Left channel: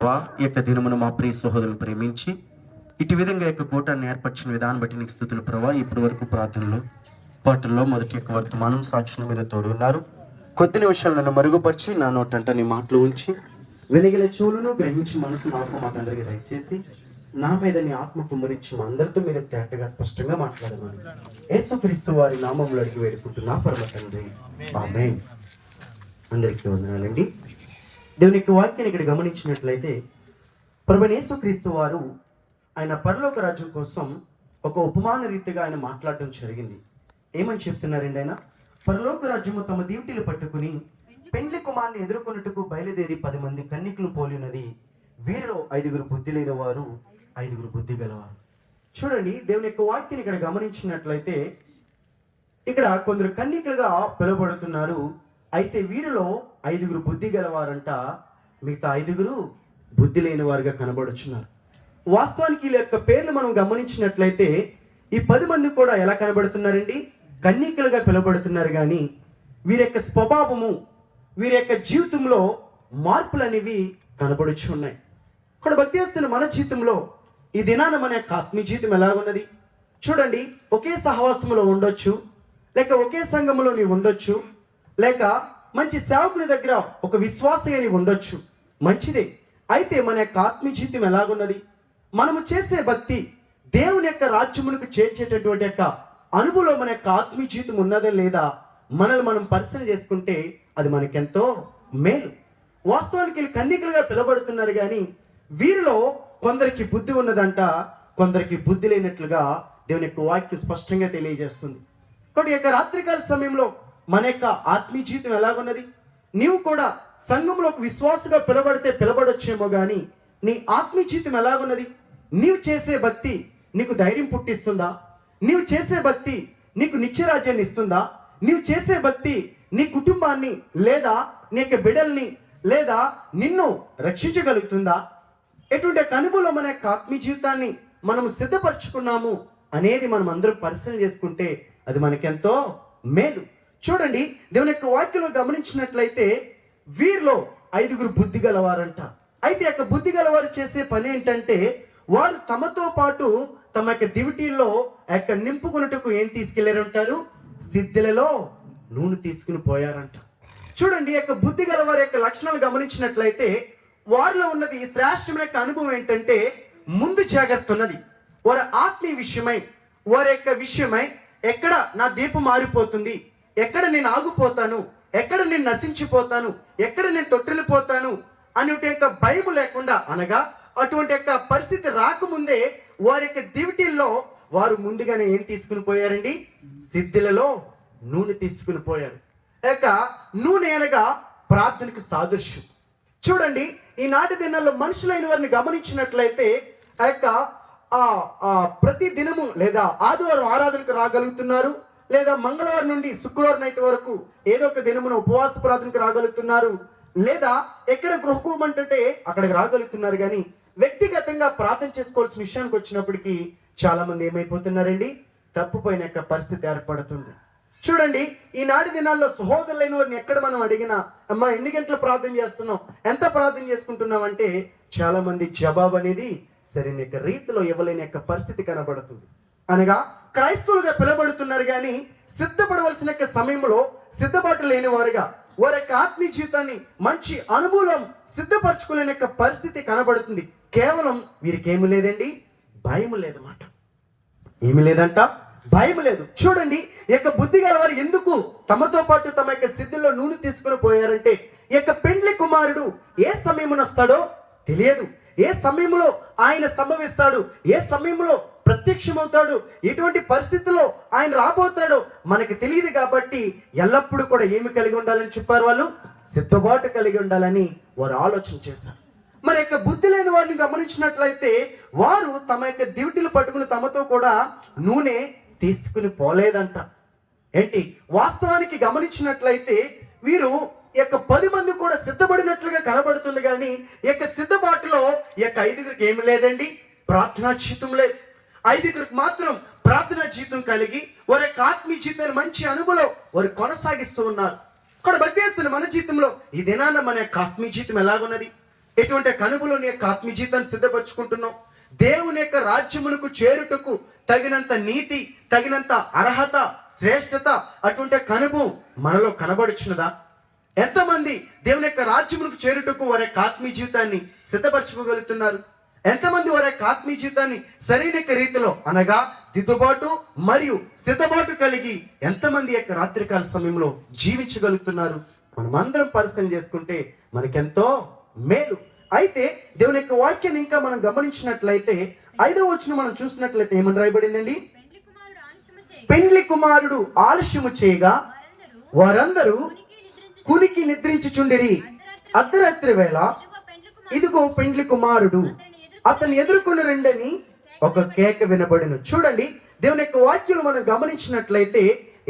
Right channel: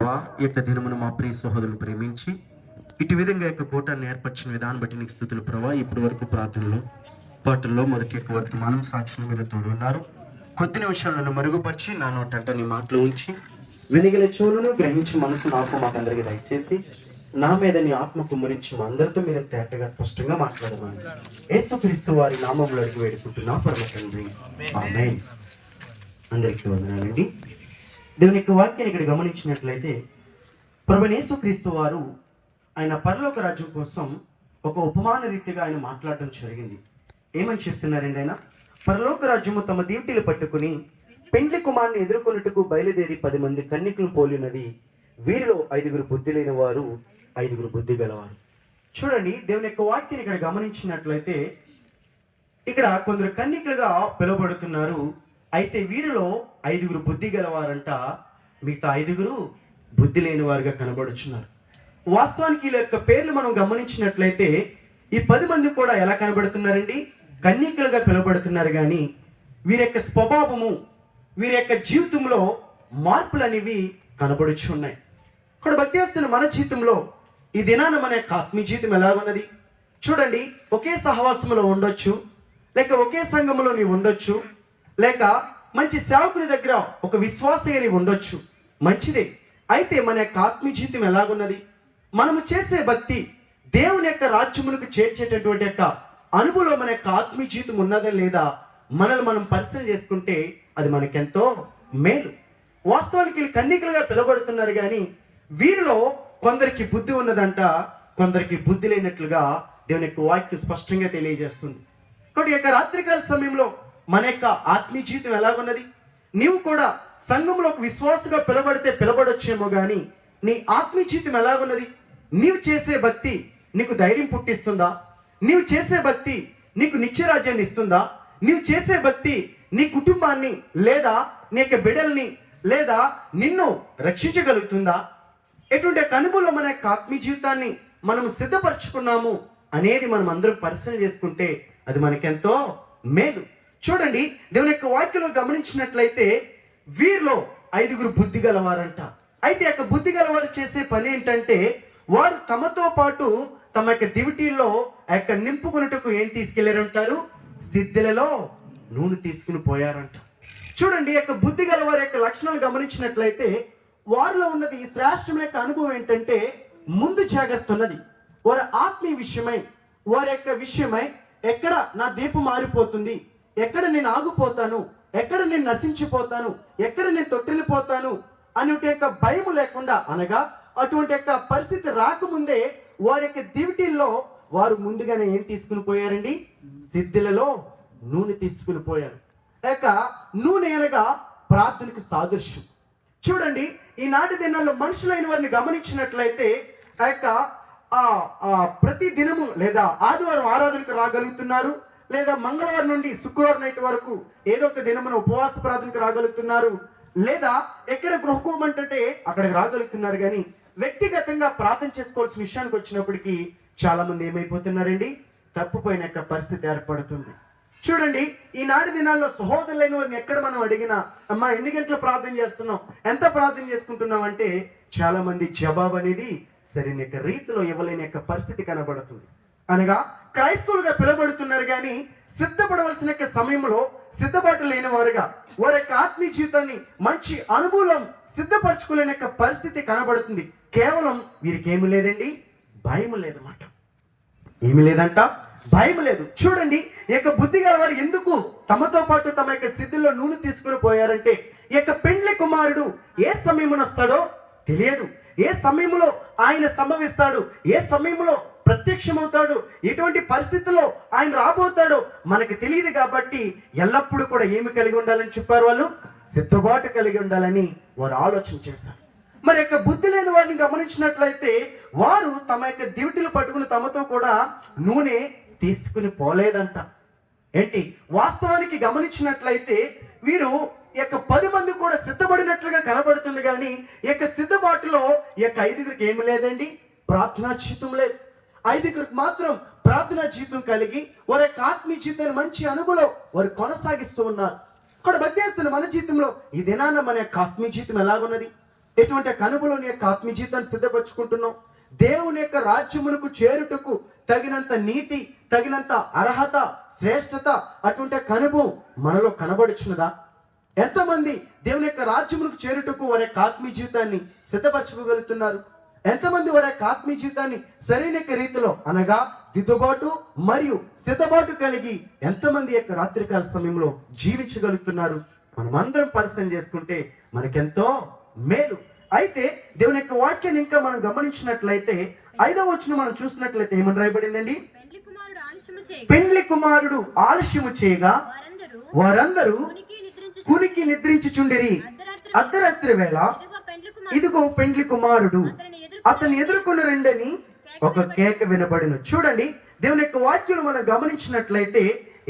ఈ యొక్క దినమును మా ప్రియ సహోదరులను ప్రేమించి ఇటు విధంగా యొక్క కూటాన్ని ఏర్పరిచిన విధానం బట్టి నీకు స్తుతులు ప్రభా. ఇప్పటి వరకు ప్రార్థనలో పాటల్లో మొదటి యొక్క వర్తమానం సాక్షులు మీరు తోడు ఉన్నారు. కొద్ది నిమిషాలు నన్ను మరుగుపరిచి నా నోటంట నీ మాటలు ఉంచి వెనుగల చెవులను గ్రహించి మనసు నాకు మాకందరికి దయచేసి నా మీద నీ ఆత్మ కుమ్మరించి మా అందరితో మీరు తేటగా స్పష్టంగా మాట్లాడమని యేసుక్రీస్తు వారి నామములు అడిగి వేడుకుంటున్నా పరమ తండ్రి, ఆమేన్. అందరికీ వందనాలండి. దేవుని యొక్క వాక్యాన్ని ఇక్కడ గమనించినట్లయితే ప్రభువైన యేసుక్రీస్తు వారు ఆయన పరలోక రాజ్యం కోసం ఒక ఉపమాన రీతిగా ఆయన మాట్లాడడం జరిగింది. ఏమని చెప్తున్నారండి ఆయన? పరలోక రాజ్యము తమ దీవెటీలు పట్టుకుని పెండ్లి కుమారుని ఎదుర్కొన్నట్టుకు బయలుదేరి 10 మంది కన్యకులను పోలినది. వీరిలో 5 బుద్ధి లేని వారు, 5 బుద్ధి గలవారు. చూడండి, దేవుని యొక్క వాక్యాన్ని ఇక్కడ గమనించినట్లయితే ఇక్కడ కొందరు కన్యకులుగా పిలువబడుతున్నారు. అయితే వీరిలో 5 బుద్ధి గలవారంట, మిగతా 5 బుద్ధి లేని వారుగా కనబడుచున్నారు. వాస్తవానికి వీళ్ళ యొక్క పేర్లు మనం గమనించినట్లయితే ఈ 10 మంది కూడా ఎలా కనబడుతున్నారండి? కన్యకులుగా పిలువబడుతున్నారు. కానీ వీరి యొక్క స్వభావము, వీరి యొక్క జీవితంలో మార్పులు అనేవి కనబడుచున్నాయి. ఇక్కడ భక్తి చేస్తున్న మన జీవితంలో ఈ దినాన మన యొక్క ఆత్మీయ జీవితం ఎలా ఉన్నది? చూడండి, ఒకే సహవాసంలో ఉండొచ్చు, లేక ఒకే సంఘంలో నీవు ఉండొచ్చు, లేక మంచి సేవకుని దగ్గర ఒక విశ్వాసని ఉండొచ్చు, మంచిదే. అయితే మన యొక్క ఆత్మీయ జీవితం ఎలాగున్నది? మనము చేసే భక్తి దేవుని యొక్క రాజ్యములకు చేర్చేటటువంటి యొక్క అనుభవంలో మన యొక్క ఆత్మీయ జీవితం ఉన్నదే లేదా మనల్ని మనం పరిశీలన చేసుకుంటే అది మనకెంతో మేలు. వాస్తవానికి వీళ్ళు కన్యకులుగా పిలువబడుతున్నారు. కానీ వీరిలో కొందరికి బుద్ధి ఉన్నదంట, కొందరికి బుద్ధి లేనట్లుగా దేవుని యొక్క వాక్యం స్పష్టంగా తెలియజేస్తుంది. కాబట్టి యొక్క రాత్రికాల సమయంలో మన యొక్క ఆత్మీయ జీవితం ఎలాగున్నది? నీవు కూడా సంఘంలో ఒక విశ్వాసగా పిలబడితే పిలబడొచ్చేమో, కానీ నీ ఆత్మీయ జీవితం ఎలాగున్నది? నీవు చేసే భక్తి నీకు ధైర్యం పుట్టిస్తుందా? నీవు చేసే భక్తి నీకు నిత్యరాజ్యాన్ని ఇస్తుందా? నీవు చేసే భక్తి నీ కుటుంబాన్ని లేదా నీ యొక్క బిడ్డల్ని లేదా నిన్ను రక్షించగలుగుతుందా? ఎటువంటి అనుభవంలో మన యొక్క ఆత్మీయ జీవితాన్ని మనం సిద్ధపరచుకున్నాము అనేది మనం అందరం పరిశీలన చేసుకుంటే అది మనకెంతో మేలు. చూడండి, దేవుని యొక్క వాక్యంలో గమనించినట్లయితే వీరిలో 5 బుద్ధి గలవారంట. అయితే యొక్క బుద్ధి గలవారు చేసే పని ఏంటంటే వారు తమతో పాటు తమ యొక్క దివిటీల్లో యొక్క నింపుకున్నట్టుకు ఏం తీసుకెళ్లారంటారు? సిద్ధులలో నూనె తీసుకుని పోయారంట. చూడండి, యొక్క బుద్ధి గలవారి యొక్క లక్షణాలు గమనించినట్లయితే వారిలో ఉన్నది శ్రేష్టమైన యొక్క అనుభవం ఏంటంటే ముందు జాగ్రత్త ఉన్నది. వారి ఆత్మీయ విషయమై, వారి యొక్క విషయమై ఎక్కడ నా దీపం మారిపోతుంది, ఎక్కడ నేను ఆగిపోతాను, ఎక్కడ నేను నశించిపోతాను, ఎక్కడ నేను తొట్టిల్లిపోతాను అనే యొక్క భయం లేకుండా, అనగా అటువంటి యొక్క పరిస్థితి రాకముందే వారి యొక్క దివిటీల్లో వారు ముందుగానే ఏం తీసుకుని పోయారండి? సిద్ధులలో నూనె తీసుకుని పోయారు. యొక్క నూనె అనగా ప్రార్థనకు సాదృశ్యం. చూడండి, ఈనాటి దినాల్లో మనుషులైన వారిని గమనించినట్లయితే ఆ యొక్క ప్రతి దినము లేదా ఆదివారం ఆరాధనకు రాగలుగుతున్నారు, లేదా మంగళవారం నుండి శుక్రవారం నైట్ వరకు ఏదో ఒక దినమున ఉపవాస ప్రార్థనకు రాగలుగుతున్నారు, లేదా ఎక్కడ గృహకోమంటే అక్కడికి రాగలుగుతున్నారు. కానీ వ్యక్తిగతంగా ప్రార్థన చేసుకోవాల్సిన విషయానికి వచ్చినప్పటికీ చాలా మంది ఏమైపోతున్నారండి? తప్పుపోయిన యొక్క పరిస్థితి ఏర్పడుతుంది. చూడండి, ఈనాటి దినాల్లో సహోదరులైన వారిని ఎక్కడ మనం అడిగినా, అమ్మా ఎన్ని గంటలు ప్రార్థన చేస్తున్నాం, ఎంత ప్రార్థన చేసుకుంటున్నాం అంటే చాలా మంది జవాబు అనేది సరైన యొక్క రీతిలో ఇవ్వలేని యొక్క పరిస్థితి కనబడుతుంది. అనగా క్రైస్తవులుగా పిలువబడుతున్నారు, కానీ సిద్ధపడవలసిన యొక్క సమయంలో సిద్ధపాటు లేని వారుగా వారి యొక్క ఆత్మీయ జీవితాన్ని మంచి అనుభవం సిద్ధపరచుకోలేని యొక్క పరిస్థితి కనబడుతుంది. కేవలం వీరికి ఏమి లేదండి? భయం లేదన్నమాట. ఏమి లేదంట? భయం లేదు. చూడండి, ఈ యొక్క బుద్ధి గల వారు ఎందుకు తమతో పాటు తమ యొక్క సిద్ధుల్లో నూనె తీసుకుని పోయారంటే ఈ యొక్క పెండ్లి కుమారుడు ఏ సమయమున వస్తాడో తెలియదు, ఏ సమయంలో ఆయన సంభవిస్తాడు, ఏ సమయంలో ప్రత్యక్షమవుతాడు, ఎటువంటి పరిస్థితుల్లో ఆయన రాబోతాడో మనకు తెలియదు. కాబట్టి ఎల్లప్పుడూ కూడా ఏమి కలిగి ఉండాలని చెప్పారు? వాళ్ళు సిద్ధపాటు కలిగి ఉండాలని వారు ఆలోచన చేశారు. మరి యొక్క బుద్ధి లేని వారిని గమనించినట్లయితే వారు తమ యొక్క దివిటీలు పట్టుకుని తమతో కూడా నూనె తీసుకుని పోలేదంట. ఏంటి? వాస్తవానికి గమనించినట్లయితే వీరు యొక్క 10 మంది కూడా సిద్ధపడినట్లుగా కనబడుతుంది. కానీ యొక్క సిద్ధపాటులో యొక్క 5 ఏమి లేదండి? ప్రార్థనా జీవితం లేదు. 5 మాత్రం ప్రార్థనా జీవితం కలిగి వారి యొక్క ఆత్మీయ జీవితాన్ని మంచి అనుభవం వారు కొనసాగిస్తూ ఉన్నారు. ఇక్కడ భక్తి చేస్తున్న మన జీవితంలో ఈ దినాన మన యొక్క ఆత్మీయ జీవితం ఎలాగున్నది? ఎటువంటి కనుబులో నీ యొక్క ఆత్మీయ జీవితాన్ని సిద్ధపరచుకుంటున్నావు? దేవుని యొక్క రాజ్యమునకు చేరుటకు తగినంత నీతి, తగినంత అర్హత, శ్రేష్టత, అటువంటి కనుభవం మనలో కనబడుచున్నదా? ఎంతమంది దేవుని యొక్క రాజ్యమునకు చేరుటకు వారి యొక్క ఆత్మీయ జీవితాన్ని సిద్ధపరచుకోగలుగుతున్నారు? ఎంతమంది వారి యొక్క ఆత్మీయ జీవితాన్ని సరైన రీతిలో అనగా దిద్దుబాటు మరియు సిద్ధబాటు కలిగి ఎంతమంది యొక్క రాత్రికాల సమయంలో జీవించగలుగుతున్నారు? మనమందరం పరిశీలన చేసుకుంటే మనకెంతో మేలు. అయితే దేవుని యొక్క వాక్యాన్ని ఇంకా మనం గమనించినట్లయితే 5వ వచనం మనం చూసినట్లయితే ఏమని రాయబడిందండి? పెండ్లి కుమారుడు ఆలస్యము చేయగా వారందరూ కునికి నిద్రించుచుండిరి. అర్ధరాత్రి వేళ ఇదిగో పెండ్లి కుమారుడు అతన్ని ఎదుర్కొని రండని ఒక కేక వినబడిను. చూడండి, దేవుని యొక్క వాక్యం మనం గమనించినట్లయితే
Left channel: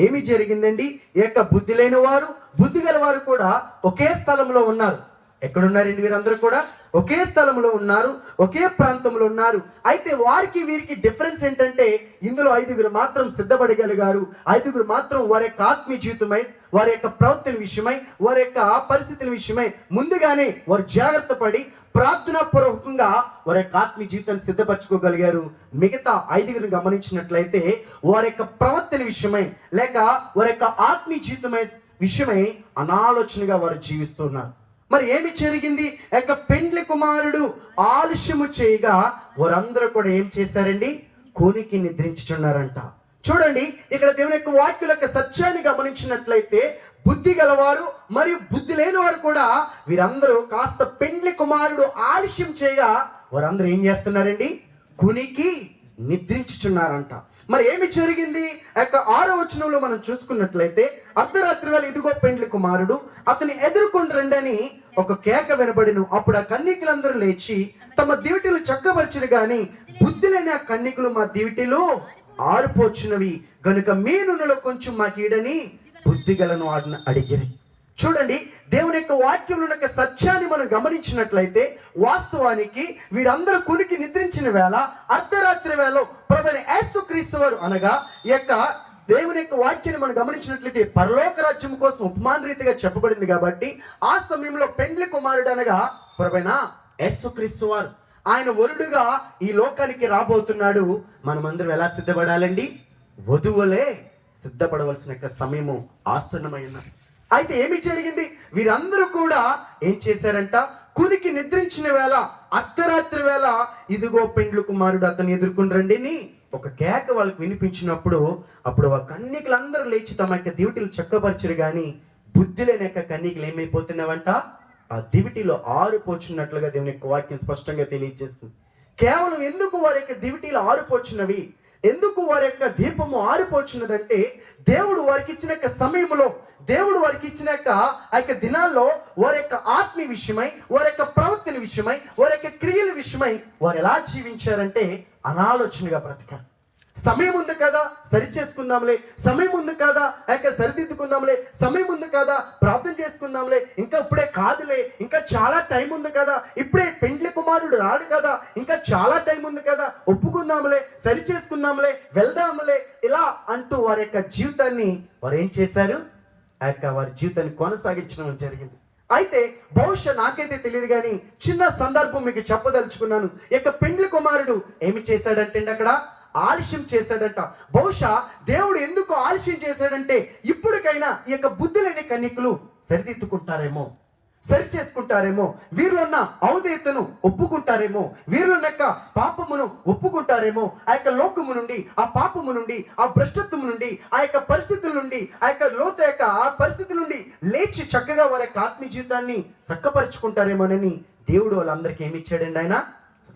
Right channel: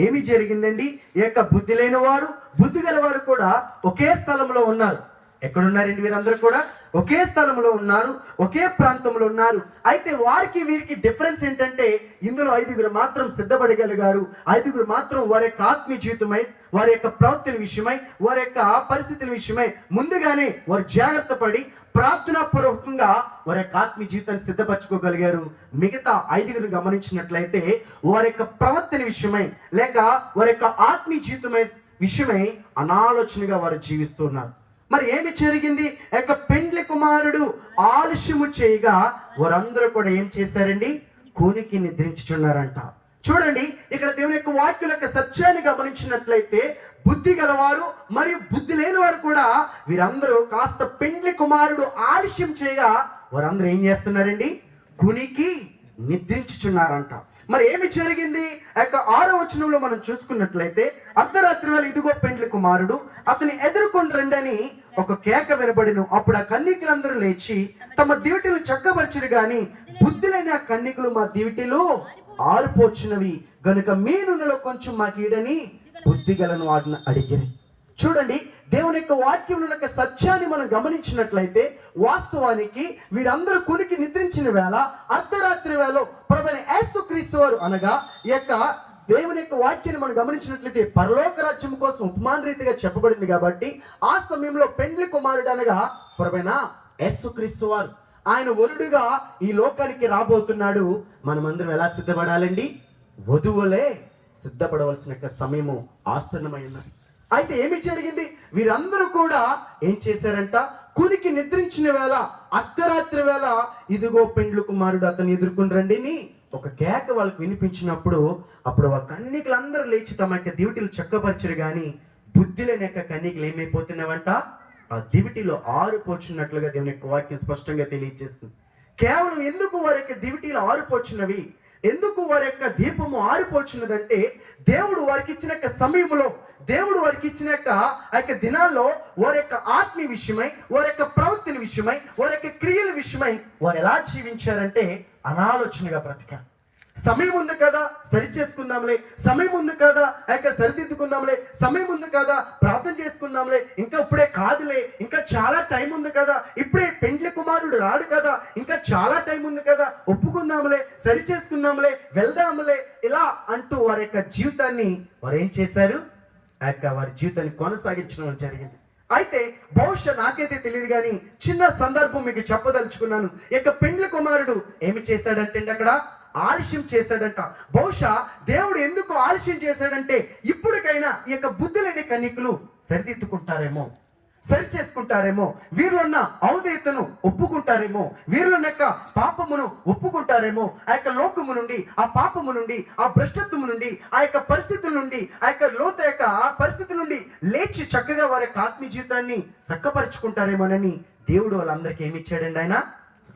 ఏమి జరిగిందండి? ఈ యొక్క బుద్ధి లేని వారు, బుద్ధి గల వారు కూడా ఒకే స్థలంలో ఉన్నారు. ఎక్కడున్నారండి? వీరందరూ కూడా ఒకే స్థలంలో ఉన్నారు, ఒకే ప్రాంతంలో ఉన్నారు. అయితే వారికి వీరికి డిఫరెన్స్ ఏంటంటే ఇందులో 5గురు మాత్రం సిద్ధపడగలిగారు. 5గురు మాత్రం వారి యొక్క ఆత్మీయ జీవితమై, వారి యొక్క ప్రవర్తన విషయమై, వారి యొక్క పరిస్థితుల విషయమై ముందుగానే వారు జాగ్రత్త పడి ప్రార్థనాపూర్వకంగా వారి యొక్క ఆత్మీయ జీవితాన్ని సిద్ధపరచుకోగలిగారు. మిగతా 5గురు గమనించినట్లయితే వారి యొక్క ప్రవర్తన విషయమై లేక వారి యొక్క ఆత్మీయ జీవితమై విషయమై అనాలోచనగా వారు జీవిస్తున్నారు. మరి ఏమి జరిగింది? యొక్క పెండ్లి కుమారుడు ఆలస్యము చేయగా వారందరూ కూడా ఏం చేశారండి? కూనికి నిద్రించుచున్నారంట. చూడండి, ఇక్కడ దేవుని యొక్క వాక్యుల యొక్క సత్యాన్ని గమనించినట్లయితే బుద్ధి గలవారు మరియు బుద్ధి లేని వారు కూడా వీరందరూ కాస్త పెండ్లి కుమారుడు ఆలస్యం చేయగా వారందరూ ఏం చేస్తున్నారండి? కునికి నిద్రించుచున్నారంట. మరి ఏమి జరిగింది? ఆ యొక్క 6వ వచనంలో మనం చూసుకున్నట్లయితే అర్ధరాత్రి వేళ ఇదిగో పెండ్లి కుమారుడు అతన్ని ఎదుర్కొని రండని ఒక కేక వినబడిను. అప్పుడు ఆ కన్యకులందరూ లేచి తమ దివిటీలు చక్కబరిచిరు గాని బుద్ధి లేని ఆ కన్యకులు మా దివిటీలు ఆరిపోచున్నవి గనుక మీ నూనెలో కొంచెం మాకీడని బుద్ధి గలను అడిగిరి. చూడండి, దేవుని యొక్క వాక్యంలో యొక్క సత్యాన్ని మనం గమనించినట్లయితే వాస్తవానికి వీరందరూ కునికి నిద్రించిన వేళ అర్ధరాత్రి వేళ ప్రభువైన యేసుక్రీస్తు వారు అనగా ఈ యొక్క దేవుని యొక్క వాక్యాన్ని మనం గమనించినట్లయితే పరలోక రాజ్యం కోసం ఉపమాన రీతిగా చెప్పబడింది కాబట్టి ఆ సమయంలో పెండ్లి కుమారుడు అనగా ప్రభువైన యేసుక్రీస్తు వారు ఆయన వరుడుగా ఈ లోకానికి రాబోతున్నాడు. మనమందరం ఎలా సిద్ధపడాలండి? వధువులే సిద్ధపడవలసిన సమయము ఆసన్నమైనది. అయితే ఏమి జరిగింది? వీరందరూ కూడా ఏం చేశారంట? కునికి నిద్రించిన వేళ అర్ధరాత్రి వేళ ఇదిగో పెండ్లి కుమారుడు అతన్ని ఎదుర్కొని రండిని ఒక కేక వాళ్ళకి వినిపించినప్పుడు అప్పుడు ఆ కన్యకులందరూ లేచి తమ యొక్క దివిటీలు చక్కపరిచరు గాని బుద్ధి లేని యొక్క కన్యకులు ఏమైపోతున్నావంట? ఆ దివిటీలో ఆరిపోచున్నట్లుగా దేవుని యొక్క వాక్యం స్పష్టంగా తెలియజేస్తుంది. కేవలం ఎందుకు వారి యొక్క దివిటీలు ఆరిపోచున్నవి, ఎందుకు వారి యొక్క దీపము ఆరిపోచున్నదంటే దేవుడు వారికి ఇచ్చిన సమయంలో, దేవుడు వారికి ఇచ్చిన ఆ యొక్క దినాల్లో వారి యొక్క ఆత్మీయ విషయమై, వారి యొక్క ప్రవర్తన విషయమై, వారి యొక్క క్రియల విషయమై వారు ఎలా జీవించారంటే అనాలోచనగా బ్రతికారు. సమయం ఉంది కదా సరి చేసుకుందాంలే, సమయం ఉంది కదా సరిదిద్దుకుందాంలే, సమయం ఉంది కదా ప్రార్థన చేసుకుందాంలే, ఇంకా ఇప్పుడే కాదులే, ఇంకా చాలా టైం ఉంది కదా, ఇప్పుడే పెండ్లి కుమారుడు రాడు కదా, ఇంకా చాలా టైం ఉంది కదా, ఒప్పుకుందాంలే, సరి చేసుకుందాంలే, వెళ్దాంలే, ఇలా అంటూ వారి యొక్క జీవితాన్ని వారు ఏం చేశారు? వారి జీవితాన్ని కొనసాగించడం జరిగింది. అయితే బహుశా నాకైతే తెలియదు కానీ చిన్న సందర్భం మీకు చెప్పదలుచుకున్నాను. ఇక పెండ్లి కుమారుడు ఏమి చేశాడంటే అక్కడ ఆలస్యం చేశాడంట. బహుశా దేవుడు ఎందుకు ఆలస్యం చేశాడంటే ఇప్పటికైనా ఈ యొక్క బుద్ధి లేని కన్యకులు సరిదిద్దుకుంటారేమో, సరి చేసుకుంటారేమో, వీరిలో ఉన్న ఔదయతను ఒప్పుకుంటారేమో, వీరిలో యొక్క పాపమును ఒప్పుకుంటారేమో, ఆ యొక్క లోకము నుండి, ఆ పాపము నుండి, ఆ భ్రష్టత్వము నుండి, ఆ యొక్క పరిస్థితుల నుండి, ఆ యొక్క లోత యొక్క ఆ పరిస్థితి నుండి లేచి చక్కగా వారి యొక్క ఆత్మీయ జీవితాన్ని చక్కపరుచుకుంటారేమోనని దేవుడు వాళ్ళందరికీ ఏమి ఇచ్చాడండి? ఆయన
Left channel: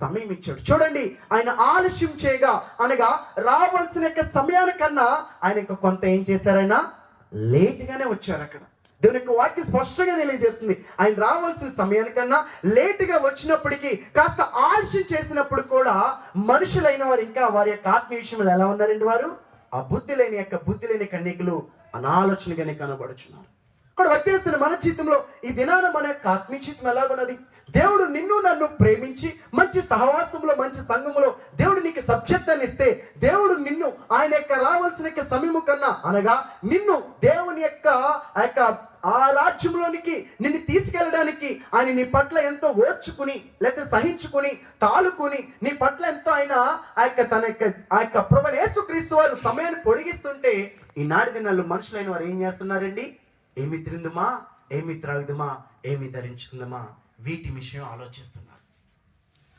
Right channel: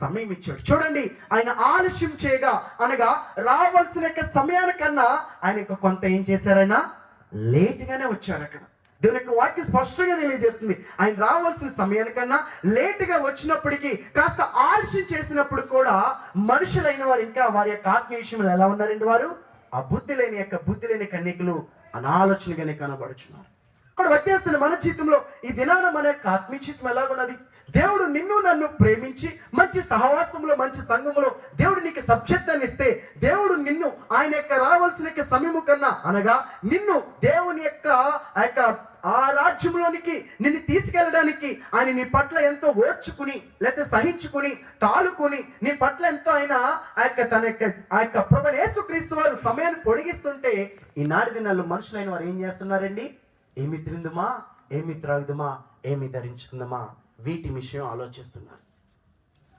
సమయం ఇచ్చాడు. చూడండి, ఆయన ఆలస్యం చేయగా అనగా రావాల్సిన సమయానికన్నా ఆయన కొంత ఏం చేశారైనా లేట్గానే వచ్చారు. అక్కడ దేవుని యొక్క వాక్యం స్పష్టంగా తెలియజేస్తుంది. ఆయన రావాల్సిన సమయానికన్నా లేటుగా వచ్చినప్పటికీ, కాస్త ఆలస్యం చేసినప్పుడు కూడా మనుషులైన వారు ఇంకా వారి యొక్క ఆత్మీయ విషయంలో ఎలా ఉన్నారండి? వారు ఆ బుద్ధి లేని కన్యకులు అనాలోచనగానే కనబడుచున్నారు. అక్కడ వచ్చేస్తున్న మన జీవితంలో ఈ దినాన మన యొక్క ఆత్మీయ జీవితం ఎలాగున్నది? దేవుడు నిన్ను నన్ను ప్రేమించి మంచి సహవాసంలో, మంచి సంఘములో దేవుడు నీకు సబ్జెక్టాన్ని ఇస్తే, దేవుడు నిన్ను ఆయన యొక్క రావాల్సిన సమయము కన్నా అనగా నిన్ను దేవుని యొక్క ఆ రాజ్యంలోనికి నిన్ను తీసుకెళ్ళడానికి ఆయన నీ పట్ల ఎంతో ఓర్చుకుని లేకపోతే సహించుకుని తాలుకుని నీ పట్ల ఎంతో ఆయన ఆ యొక్క ప్రభువైన యేసుక్రీస్తు వారు సమయాన్ని పొడిగిస్తుంటే ఈనాటి దినాల్లో మనుషులైన వారు ఏం చేస్తున్నారండి? ఏమి తిందుమా, ఏమి త్రాగుదుమా, ఏమి ధరించుకుందామా, వీటి విషయం ఆలోచిస్తున్నారు.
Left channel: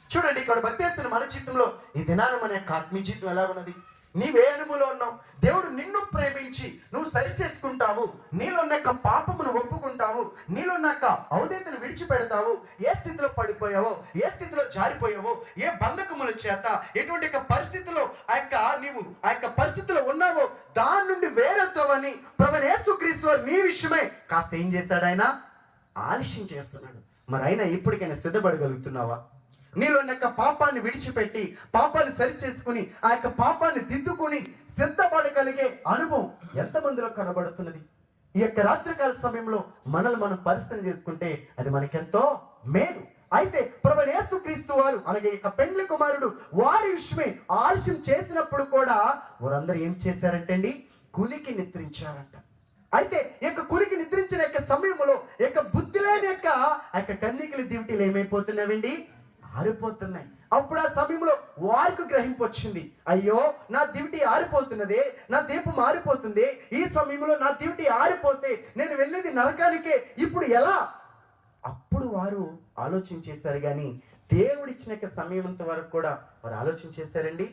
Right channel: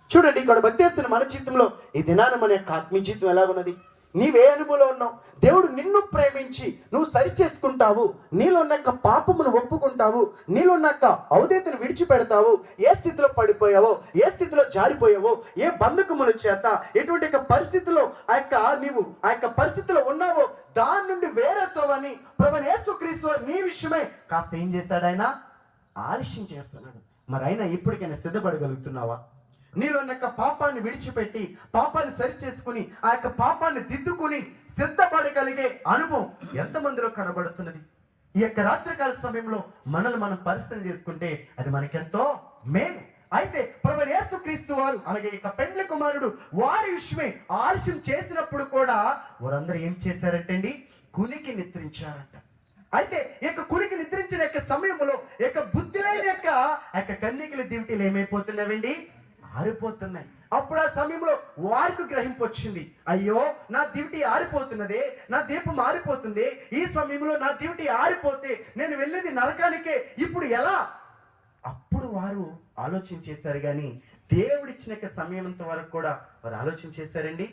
చూడండి, ఇక్కడ భక్తిస్తున్న మన జీవితంలో ఈ దినాన మన యొక్క ఆత్మీయ జీవితం ఎలాగున్నది? నీవే అనుభవంలో ఉన్నావు? దేవుడు నిన్ను ప్రేమించి నువ్వు సరి చేసుకుంటావు, నీలో ఉన్న పాపమును ఒప్పుకుంటావు, నీలో ఉన్న ఔదేతను విడిచిపెడతావు. ఏ స్థితిలో పడిపోయావో, ఏ స్థితిలో జారిపోయావో, ఏ బంధకముల చేత ఎటువంటి పరిస్థితిలో నీవు ఆ యొక్క పరిస్థితిలో ఉన్నావో దాని నుండి వేరేతోవని ప్రభువైన యేసుక్రీస్తు వారు నీ విషయమే కాస్త ఏం చేశాడు? ఆయన ఆలస్యం చేస్తున్నాడు. మరి అయినా ఇప్పటికైనా సిద్ధపడగలుగుతున్నావా? నీలో ఉన్న పాపాన్ని విడిచిపెట్టి పాపాన్ని సరి చేసుకుని ఆ యొక్క పాపాన్ని దిద్దుకుని సిద్ధపడగలిగే అనుభవం ఎంతమందిలో కనబడుతున్నది? ఈ యొక్క రాత్రికాల సమయంలో మనల్ని మనం పరిస్థితి చేసుకుంటే అది మనకెంతో మేలు. అయితే ప్రభువైన యేసుక్రీస్తు వారు అలాగే ఇక పెండ్లి కుమారుడు వారి విషయమే ఆలస్యం చేసినప్పుడు కూడా వారందరూ ఏం చేశారంటే అండి, కునికి నిద్రించారంట. అయితే ఇక కునికి నిద్రించిన యొక్క సమయంలో ఇక బుద్ధి లేని యొక్క ఆ యొక్క కన్యకల దివిటీలు ఏమైపోతున్నాయండి? ఆరిపోతున్నాయి. అప్పుడు ఆ సమయంలో వారికి గ్రహింపు వచ్చింది, అయ్యో నా దివిటి ఆరిపోతున్నదే, నా దీపం ఆరిపోతుంది, ఈ సమయంలో నా దివిటి ఆరిపోతే నేను వెళ్ళేది నరకానికే, ఇప్పుడు ఎలా? అప్పుడు వారు ఆలోచన చేశారు. కానీ దేవుడిచ్చిన సమయం వరకు కూడా వారు ఆలోచన చేశారండి?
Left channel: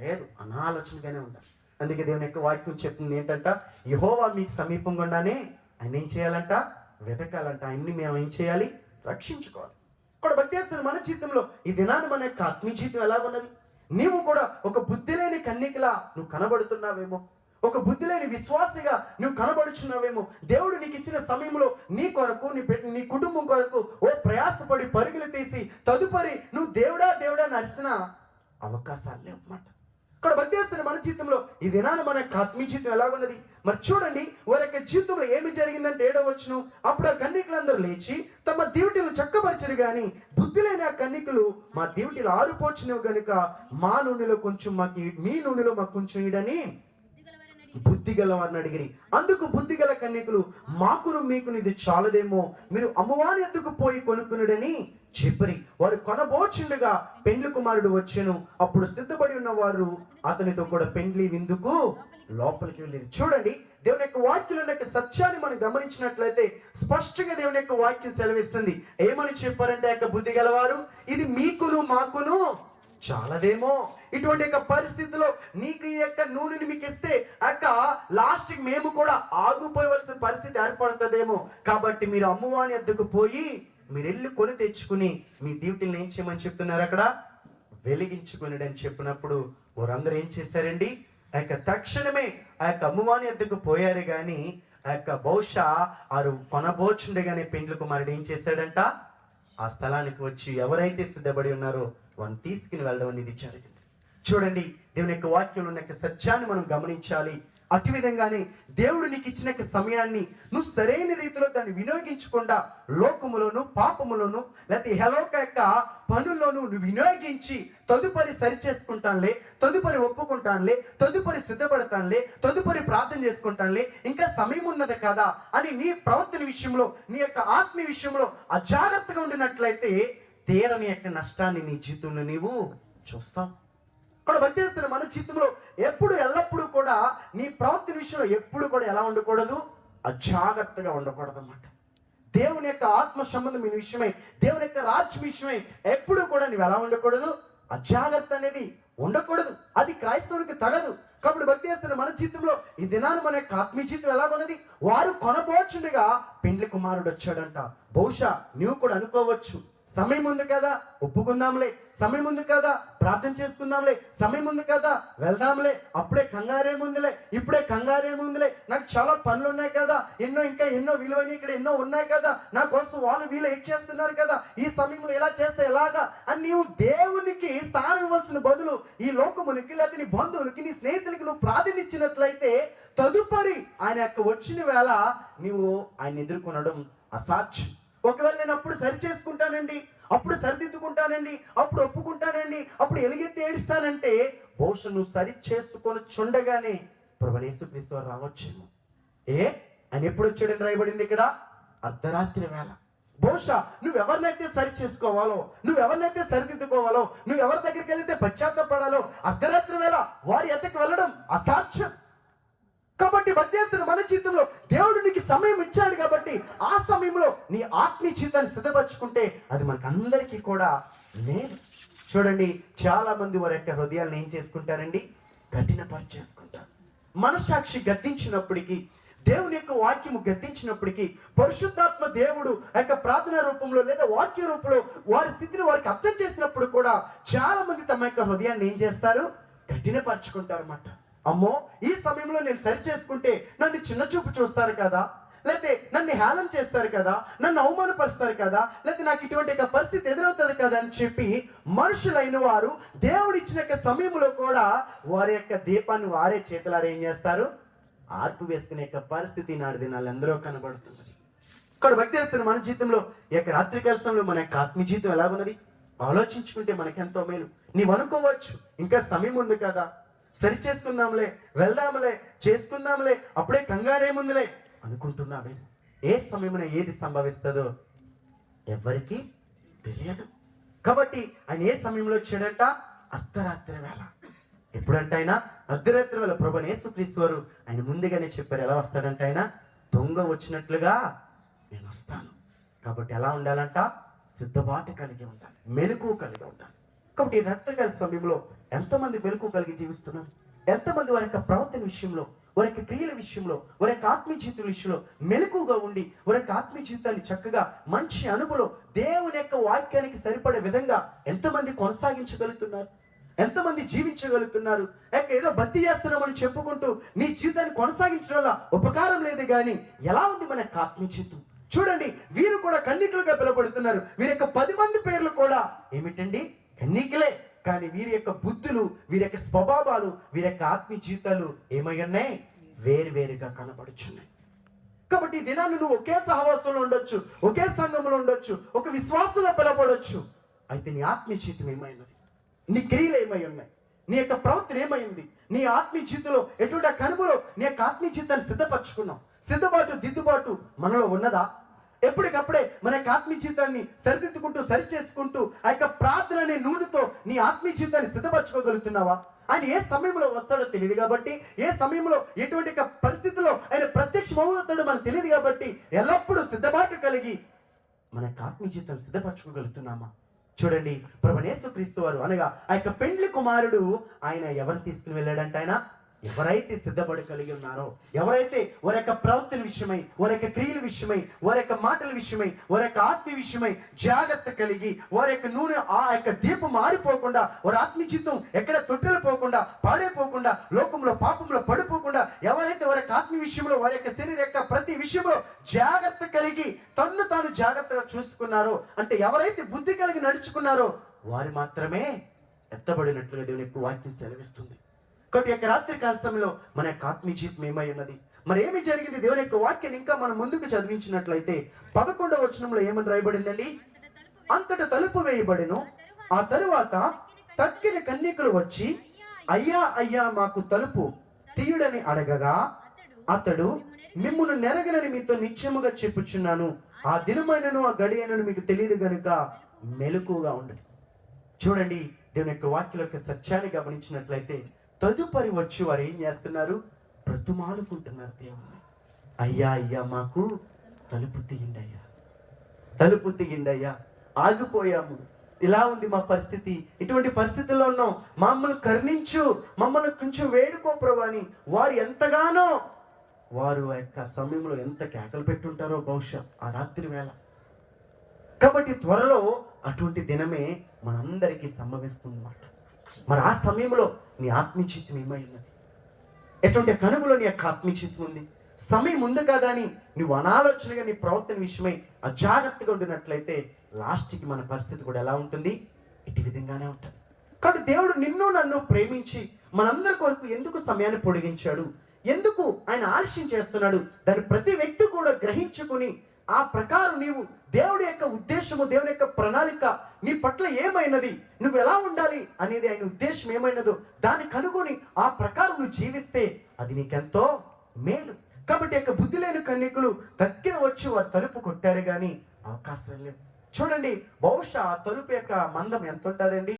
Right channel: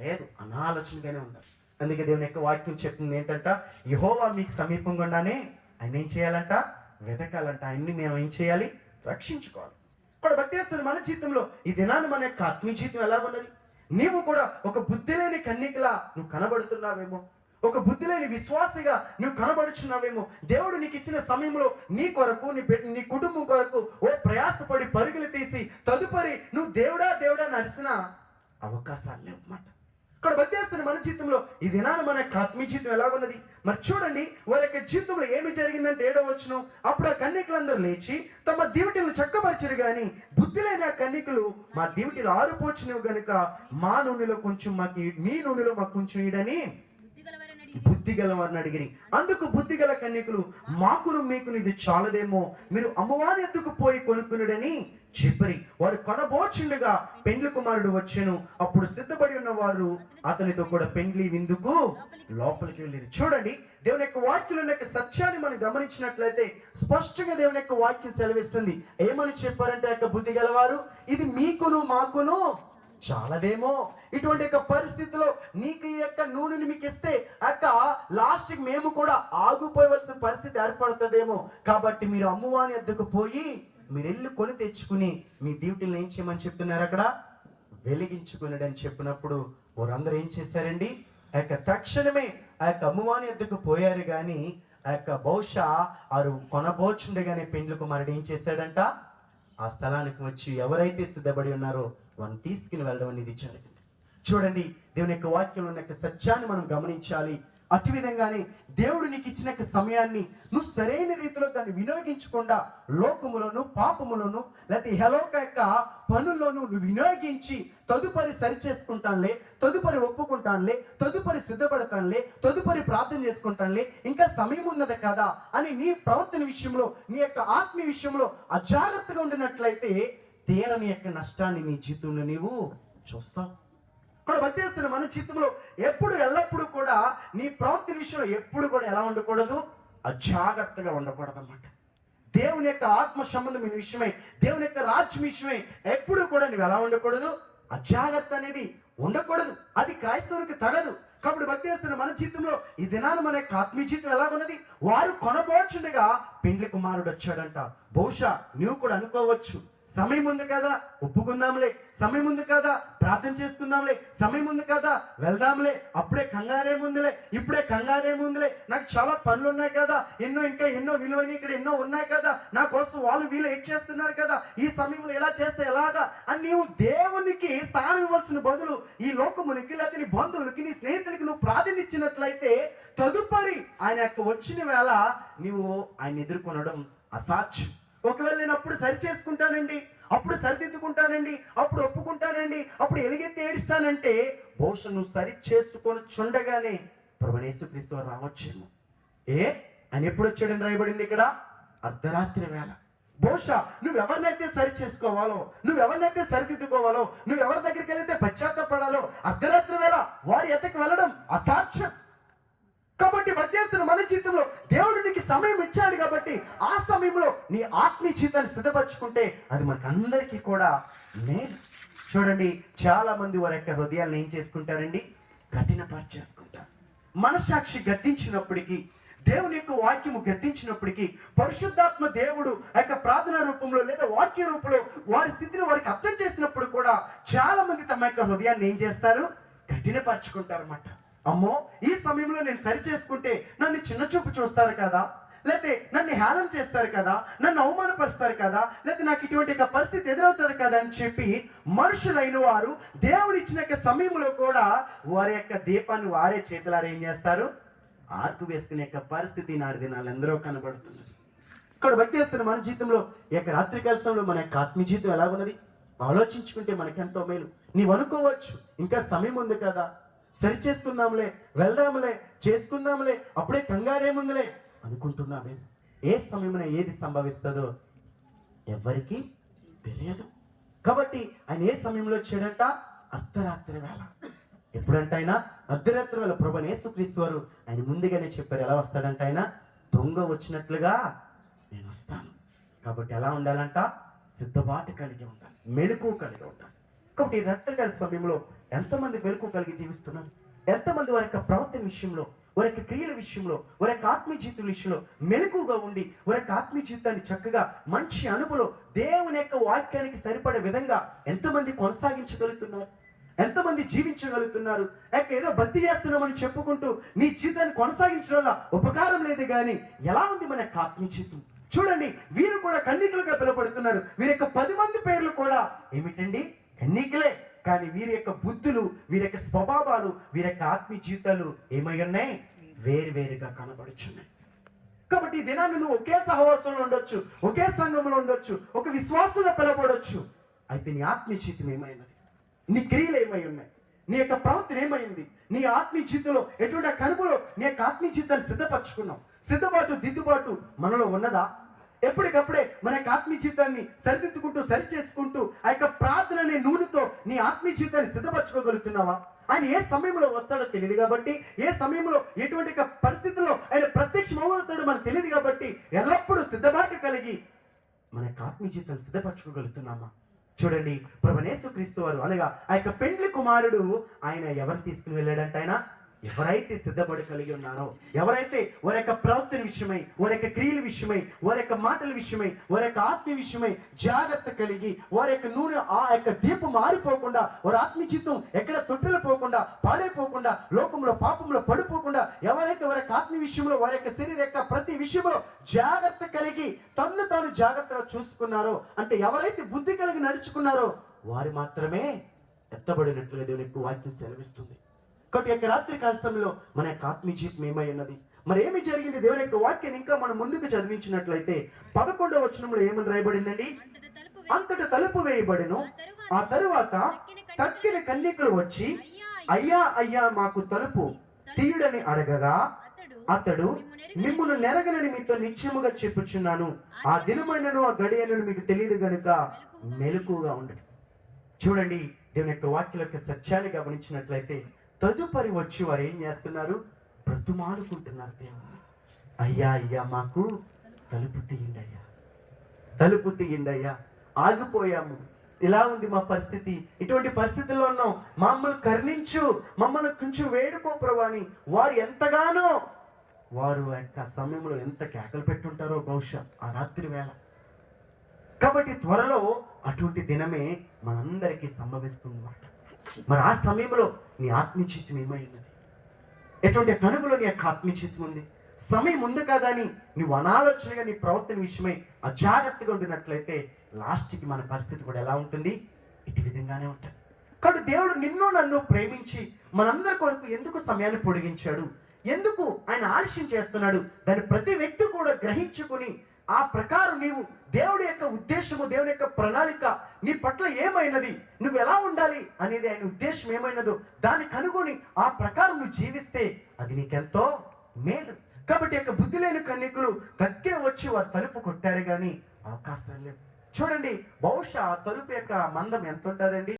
లేదు, అనాలోచనగానే ఉన్నారు. అందుకే దేవుని యొక్క వాక్యం చెప్తుంది ఏంటంట, యెహోవా మీకు సమీపంగా ఉండానే ఆయన ఏం చేయాలంట? వెతకాలంట. ఆయన్ని మేము ఏం చేయాలి? రక్షించుకోవాలి. ఇక్కడ భక్తిస్తున్న మన జీవితంలో ఈ దినాన్ని మన యొక్క ఆత్మీయ జీవితం ఎలా ఉన్నది? నీవు కూడా ఒక బుద్ధి లేని కన్యకలా నువ్వు కనబడుతున్నావేమో, ఒక బుద్ధి లేని విశ్వాసిగా నువ్వు కనబడుచున్నావేమో. దేవుడు నీకు ఇచ్చిన సమయంలో నీ కొరకు నీ కుటుంబం కొరకు ఓ ప్రయాసపడి పరుగులు తీసి తదుపరి నువ్వు దేవుడా దేవుడా నడిచిన అవకాశాలు లేవన్నమాట. ఇక్కడ భక్తిస్తున్న మన జీవితంలో ఈ దినాన్ని మన యొక్క ఆత్మీయ జీవితం ఎలా ఉన్నది? మరి చూడండి, వారి యొక్క జీవితంలో ఏమి జరిగిందంటే 7వ వచనం, అప్పుడు ఆ కన్యకులందరూ లేచి తమ దివిటీలను చక్కపరిచారు. కానీ బుద్ధి లేని ఆ కన్యకులు, మా దివిటీలు ఆరిపోచినవి గనుక మా నూనెలో కొంచెం మీ నూనెలో మాకు కొంచెం ఇడని బుద్ధి గలవారిని అడిగిరి. అందుకు బుద్ధి గల కన్యకులు, మాకును మీకును ఇది చాలదేమో, మీరు అమ్మవారి ఎద్దుకు పోయి కొనుక్కునుడని చెప్పరి. వారు కొనబోచుండగా పెండ్లి కుమారుడు వచ్చెను. అప్పుడు సిద్ధపడి ఉన్న వారు అతనితో కూడా పెండ్లి విందుకు లోపలికి వెళ్ళారు. చూడండి, దేవుని యొక్క వాక్యంలో యొక్క సత్యాన్ని మనం గమనించినట్లయితే స్పష్టంగా దేవుని యొక్క వాక్యం సెలవిస్తుంది. ఏమని చెప్పారంటే యొక్క బుద్ధి గలవారు, ఇది మీకును మాకును చాలదేమో, ఇటువంటి యొక్క పరిస్థితిలో నీకు ఈ యొక్క నూనెని మీకు ఇస్తే లాస్ట్ కి మేము కూడా ఆగిపోయవలసిన పరిస్థితి ఏర్పడుతుందేమో, కాబట్టి మీరు అమ్మవాని వద్దకు పోయి మీరు వెళ్ళి కొని తెచ్చుకుని మీ డ్యూటీని ఏం చేయమని చెప్తున్నారు? అక్కడ వెలిగించుకున్నాడు అని చెప్పినప్పుడు వారందరూ ఏం చేశారండి? ఆ యొక్క తక్షణమే ఆ యొక్క అమ్మవాని వద్దకు పోయారు. కానీ ఆ యొక్క బహుశా వారు కొనబోచుండగానే పెండ్లి కుమారుడు ఏం చేశాడంట? ఆ స్థలానికి వచ్చి ఎవరైతే సిద్ధపడి ఉన్నారో వారిని తీసుకుని వెళ్ళడం అనేది జరిగింది. చూడండి, దేవుని యొక్క వాక్యంలో ఉన్న యొక్క సత్యాన్ని మనం గమనించాలి. అటు విధంగానే దేవుడు నీకు ఇచ్చిన సమయాన్ని నువ్వు సరైన రీతిలో దాన్ని వినియోగించకుండా లోకములోను పాపములోను లేకపోతే హలోక యొక్క పనుల్లోనూ నువ్వు వినియోగించి తదుపరి సరి చేసుకుంటానులే, తదుపరి ఒప్పుకుంటానులే, తదుపరి సిద్ధపడతానులే, తదుపరి ప్రార్థన చేసుకుంటానులే, ఇంకా సమయం ఉన్నది కదా అని నీ ప్రవర్తన విషయంలో నీ యొక్క ఆత్మీయ విషయంలో అజాగ్రత్తగా ఉండినట్లయితే తీరని యొక్క నష్టాన్ని నీ జీవితంలో నీవు చూస్తావు. కూడా భక్తిస్తున్న మన జీవితంలో ఎప్పుడు ఎల్లప్పుడూ కూడా నీ ప్రవర్తన విషయంలో ఎప్పుడు కూడా ఎలా ఉండకూడదు? అజాగ్రత్తగా ఉండకూడదు అన్నమాట. దేవుని యొక్క ఆత్మ సంబంధమైన విషయమై, దేవుని యొక్క రాజ్యం విషయమై ఎప్పుడు కూడా నువ్వు ఎలా ఉండకూడదు? అజాగ్రత్త అనేది ఉండకూడదు. అది క్రైస్తవునికి తగదు. కాబట్టి భక్తి చేస్తున్న మన జీవితంలో ఈ దినాన్ని మన యొక్క ఆత్మీయ జీవితం ఎలా ఉన్నది? వారు కొనబోచుండగా పెండ్లి కుమారుడు వచ్చాడంట. బహుశా నువ్వు కూడా అనుకోవచ్చు, సమయం ఉంది కదా, ఒప్పుకుందాంలే, సమయం ఉంది కదా, ప్రార్థన చేసుకుందాంలే, సమయం ఉంది కదా, వెళ్దాంలే, అప్పుడే కంగారేముందిలే, ఇప్పుడే కంగారేముందిలే, నాకు చాలా పనులు ఉన్నాయి కదా, ఇంకా ఎన్నో విలువైన ఇక్కడ ఎన్నో ఉన్నాయి కదా, నా కోసం వాళ్ళు వీళ్ళు ఎడ్ చేస్తున్నారు కదా, ఈ సమయంలో ఎలా చేస్తే ఎలాగా అని నీవు దేవునికి స్థానం ఇవ్వాల్సిన బదులు ఈ లోకమునికి లేకపోతే నీ బంధువులకి నీ స్నేహితులకి నువ్వు ప్రార్థన ఇచ్చినట్లయితే తదుపరి ఆయన యొక్క వచ్చిన వేళ నీవు ఆయన ఎదుర్కొనడం అసాధ్యం. ఒకవేళ నేను అప్పుడు సరి చేసుకుంటానండి, అప్పుడు సరిదిద్దుకుంటానండి, అప్పుడు ఒప్పుకుంటానండి, అప్పుడు ఎలుగెత్తి ఏడుస్తానంటే బహుశా నువ్వు సరి చేసుకొని చుండగానే ప్రభువైన యేసుక్రీస్తు రావచ్చేమో. ఆయన ఎప్పుడు వచ్చాడని రాయబడింది ఇక్కడ? అర్ధరాత్రి వేళ. బహుశా నువ్వెవరినైతే సరి చేసుకోవాలో, నువ్వెవరినైతే సరిదిద్దుకోవాలో, నువ్వెవరి దగ్గరికి వెళ్తే పశ్చాత్తపడాలో అర్ధరాత్రి వేళ వారి ఎద్దకు వెళ్ళడం అసాధ్యం. కాబట్టి మధ్యస్థులు మన జీవితంలో దేవుడు నీకు సమయం ఇచ్చాడు కాబట్టి ఆ సమయంలో నీ ఆత్మీయ జీవితాన్ని సిద్ధపరచుకుంటే అది మనకు అందరికీ కూడా మేలు. చూడండి, చాలా మంది వారి యొక్క హృదయాలను ఏం చేసుకుంటారండి? కఠినపరిచేసుకుంటారు. మనస్సాక్షి గద్దించినప్పటికీ, దేవుని యొక్క వాక్యము గద్దించినప్పటికీ, పరిశుద్ధాత్మ దేవుడు ఆ యొక్క ప్రార్థన రూపంలో లేదా వాక్య రూపంలో వారి స్థితిని వారికి అర్థం చేసినప్పుడు కూడా చాలా మంది తమ యొక్క హృదయాన్ని ఏం చేస్తారు? కఠినపరుచుకుంటారు అన్నమాట. అమ్మో, ఈ సమయంలో నేను సరి చేసుకుంటే నన్ను చిన్న చూపు చూస్తారు కదా, లేకపోతే నన్ను హేళన చేస్తారు కదా, నన్ను అవమానపరుస్తారు కదా, లేకపోతే నాకు ఇటువంటి పరిస్థితి ఎదురవుతుంది కదా అని చెప్పి మనుషులైన వారు దేవుడు ఇచ్చిన సమయంలో కూడా వారి యొక్క దీపాన్ని వారే చేతులారా ఏం చేస్తారు? ఆర్పు వేసుకునే యొక్క పరిస్థితి నాడు దినాలు ఎందరో కనబడుతుంది. ఇక్కడ భక్తి చేస్తున్న మన జీవితంలో ఈ యొక్క రాత్రికాల సమయంలో మన యొక్క ఆత్మీయ జీవితం ఎలా ఉన్నది ఆలోచించుకుంటే మనకెంతో మేలు. నీవు అనుకోవచ్చు, ఇంకా సమయం ఉంది కదా, సరి చేసుకుందాంలే, వెళ్దాంలే, చేసుకుందాంలే, అప్పుడే కంగారేముందిలే అనుకుంటున్నావే. ఏ సమయమున ఏది సంభవిస్తుందో ఎవరికి తెలియదు. కాబట్టి ఆయన ఏ సమయంలో వచ్చాడంట? అర్ధరాత్రి వేళ. ఎప్పుడంట ఆయన? అర్ధరాత్రి వేళ. ప్రభువైన యేసుక్రీస్తు వారు ఆయన ముందుగానే చెప్పారు. ఎలా వస్తాడంట ఆయన? దొంగ వచ్చినట్లుగా నేను వస్తాను. కాబట్టి ఎలా ఉండాలంట? సిద్ధపాటు కలిగి ఉండాలి, మెలకువ కలిగి ఉండాలి. కాబట్టి ఈ రాత్రికాల సమయంలో ఎంతమంది మెలకువ కలిగి జీవిస్తున్నారు? ఎంతమంది వారి యొక్క ప్రవర్తన విషయంలో, వారి యొక్క క్రియల విషయంలో, వారి యొక్క ఆత్మీయ జీవితం విషయంలో మెలకువగా ఉండి వారి యొక్క ఆత్మీయ జీవితాన్ని చక్కగా మంచి అనుభవం దేవుని యొక్క వాక్యానికి సరిపడే విధంగా ఎంతమంది కొనసాగించగలుగుతున్నారు? ఎంతమంది జీవించగలుగుతున్నారు? ఏదో భక్తి చేస్తున్నామని చెప్పుకుంటూ నీ జీవితాన్ని కొనసాగించడం వల్ల ఉపకారం లేదు. కానీ ఎలా ఉంది మన యొక్క ఆత్మీయ జీవితం? చూడండి, వీరు కూడా కన్నికలుగా పిలువబడుతున్నారు. వీరి యొక్క 10 మంది పేర్లు కూడా ఏమిటండి? కన్నికలే. కానీ వీరి యొక్క బుద్ధులు, వీరి యొక్క స్వభావాలు, వీరి యొక్క ఆత్మీయ జీవితాలు ఏమై ఉన్నాయి? వేరువేరుగా కనబడుచున్నాయి. కాబట్టి ఈ దినాన్ని నువ్వు ఒకే సహవాసంలో ఉండొచ్చు, ఒకే సంఘంలో ఉండొచ్చు, ఒక విశ్వాసంలో పిలవబడొచ్చు. అయితే నీ ఆత్మీయ జీవితం ఏమైనది? నీ క్రియలు ఏమై ఉన్నాయి? నీ యొక్క ప్రవర్తన ఏమైంది? నీ ఆత్మీయ జీవితంలో ఎటువంటి కనుమలో నీ యొక్క ఆత్మీయ జీవితాన్ని సిద్ధపరచుకున్నావు? సిద్ధపాటు, దిద్దుబాటు మనలో ఉన్నదా? ఎప్పటికప్పుడే మన యొక్క ఆత్మీయ జీవితాన్ని సరిదిద్దుకుంటూ, సరి చేసుకుంటూ ఆ యొక్క ప్రార్థన అనే నూనెతో నీ ఆత్మీయ జీవితాన్ని సిద్ధపరచుకోగలుగుతున్నావా? ఆయన ఏ సమయంలో వస్తాడో తెలియదు కాబట్టి, ఏ సమయంలో ఎటువంటి పరిస్థితుల్లో ఆయన ప్రత్యక్షమవుతాడో మనకు తెలియదు కాబట్టి ఎల్లప్పుడూ సిద్ధపాటు కలిగి మన యొక్క ఆత్మీయ జీవితాన్ని సిద్ధపరచుకోగలుగుతున్నామా? చూడండి, ప్రభువైన యేసుక్రీస్తు వారు అనగా ఆ యొక్క పెండ్లి కుమారుడు ఆయన ఎవరిని తీసుకుని వెళ్ళాడంట? ఆయన ఎవరైతే సిద్ధపడి కలిగి ఉన్నారో, ఎవరైతే వారి యొక్క ప్రవర్తన విషయమై, వారి యొక్క క్రియల విషయమై, వారి యొక్క మాటల విషయమై, వారి యొక్క ఆత్మీయ విషయమై జాగ్రత్త కలిగి వారి యొక్క నూనె ఆ యొక్క దీపం మారిపోకుండా, వారి ఆత్మీయ జీవితం ఎక్కడ తొట్టెలు పోకుండా, పాడైపోకుండా, లోకంలో పాపంలో పడిపోకుండా, ఎవరైతే వారి యొక్క ఆత్మీయ విషయంలో, వారి యొక్క శరీర యొక్క ప్రతి విషయంలో జాగ్రత్త కలిగి తన్ను తాను జాగ్రత్తగా చూసుకున్నారో, అంటే ఎవరైతే బుద్ధి కలిగి నడుచుకున్నారో వారు మాత్రమే ఎత్తబడినట్లుగా దేవుని యొక్క వాక్యం సెలవిస్తుంది. కాబట్టి యొక్క రాత్రి కాల సమయంలో మన యొక్క ఆత్మీయ జీవితం ఏమై ఉన్నది? మరి ఏమి జరిగింది? దేవుని యొక్క వాక్యాన్ని ఇంకా మనం ముందుకు చదివించినట్లయితే 11వ వచనంలో ఏమని రాయబడిందండి? అంతట తలుపు వేయబడిను. ఆ తరువాత తక్కిన కన్యకులు వచ్చి, అయ్యా అయ్యా మాకు తలుపు తీయుడని అడగగా అతడు, మిమ్మును నెరగనని మీతో నిశ్చయముగా చెప్పుచున్నాను, ఆ దినమైనను ఆ గడియనను మీకు తెలియదు గనుక మెలకుగా ఉండదు. చూడండి, దేవుని యొక్క వాక్యం యొక్క సత్యాన్ని గమనించినట్లయితే తదుపరి వచ్చి వారు ఏం చేస్తున్నారు? బ్రతుమాలుకుంటున్నారు దేవుని. అయ్యా అయ్యా మాకు తలుపు తీయండి అయ్యా, తలుపు తీయండి అయ్యా, ఆగిపోయాము, ఇలా ఉంది మా పరిస్థితి, ఇటువంటి పరిస్థితుల్లో ఉన్నాం, మమ్మల్ని కరుణించు, మమ్మల్ని కొంచెం వేడుకో ప్రభు అని వారు ఎంతగానో వారు యొక్క సమయంలో ఎంత కేకలు పెట్టుంటారో బహుశా ఆ రాత్రి వేళ. కాబట్టి త్వరలో అటువంటి దినమే మనందరికీ సంభవిస్తుంది అన్నమాట. మరి ఆ సమయంలో నీ ఆత్మీయ జీవితం ఏమై ఉన్నది? ఎటువంటి కనుమలో నీ యొక్క ఆత్మీయ జీవితం ఉంది? సమయం ఉంది కదా అని నువ్వు అనాలోచనగా నీ ప్రవర్తన విషయమై అజాగ్రత్తగా ఉండినట్లయితే లాస్ట్కి మన పరిస్థితి కూడా ఎలా ఉంటుంది? ఇటు విధంగానే ఉంటుంది. కాబట్టి దేవుడు నిన్ను నన్ను ప్రేమించి మనందరి కొరకు ఎందుకు సమయాన్ని పొడిగించాడు, ఎందుకు ఆయన ఆలస్యం చేస్తున్నాడు, దాన్ని ప్రతి వ్యక్తి కూడా గ్రహించుకుని ఆ ప్రకారం నీవు దేవుడి యొక్క ఉద్దేశము, దేవుని యొక్క ప్రణాళిక నీ పట్ల ఏమైనది, నువ్వు ఎలా ఉండాలి అనేది ఆయన ఉద్దేశం ఏమైనదో దాన్ని కనుగొని ఆ ప్రకారం నువ్వు జీవిస్తే అది నీకెంతో మేలు. కాబట్టి యొక్క బుద్ధి లేని కన్యకులు దగ్గర వచ్చి వారు తలుపు కొట్టారు కానీ అవకాశం లేదు. చూడండి, బహుశా ఆ తలుపు యొక్క మందం ఎంత ఉంటుందండి?